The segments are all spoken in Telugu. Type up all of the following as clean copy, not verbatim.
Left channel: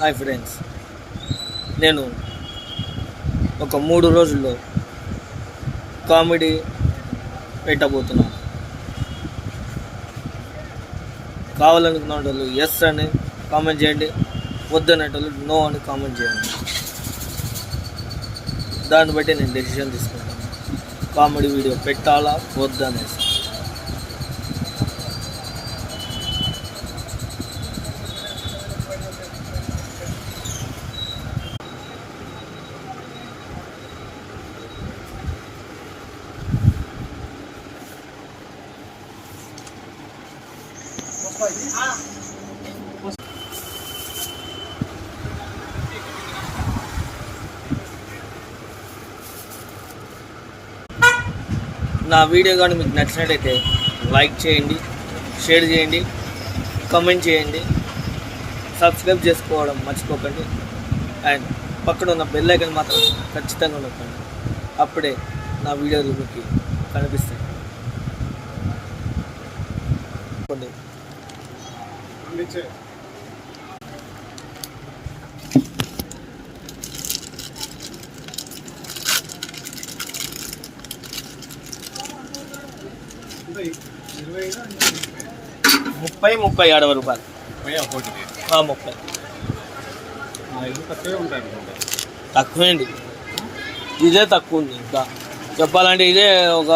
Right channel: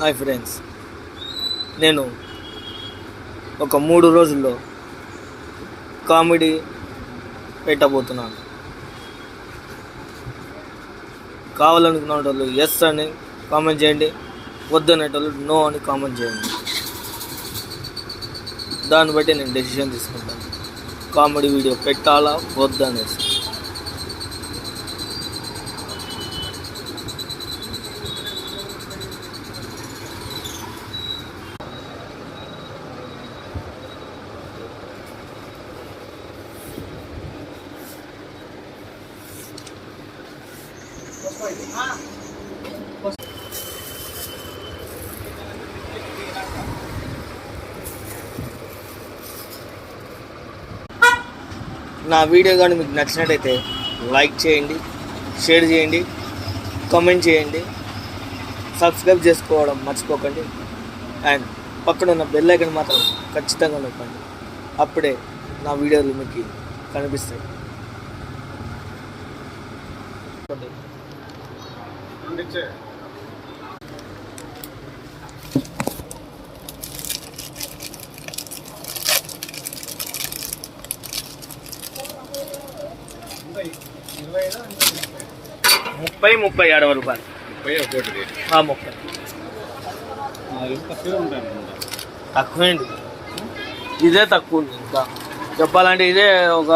హాయ్ ఫ్రెండ్స్, నేను ఒక 3 రోజుల్లో కామెడీ పెట్టబోతున్నాను. కావాలనుకున్న వాళ్ళు ఎస్ అని కామెంట్ చేయండి, వద్దనేటోళ్ళు నో అని కామెంట్ చేయండి. దాన్ని బట్టి నేను డెసిషన్ తీసుకుంటాను, కామెడీ వీడియో పెట్టాలా వద్దనేసి. నా వీడియో కానీ మీకు నచ్చినట్టయితే లైక్ చేయండి, షేర్ చేయండి, కామెంట్ చేయండి, సబ్స్క్రైబ్ చేసుకోవడం మర్చిపోకండి. అండ్ పక్కన ఉన్న బెల్ ఐకాన్ మాత్రం ఖచ్చితంగా నొక్కండి, అప్పుడే నా వీడియోలు మీకు కనిపిస్తాయి. 30-60 రూపాయలు. 30 తక్కువేండి, ఇదే తక్కువ ఉంది. ఇంకా చెప్పాలంటే ఇదే ఒక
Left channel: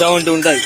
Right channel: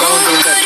70 ఉంటుంది.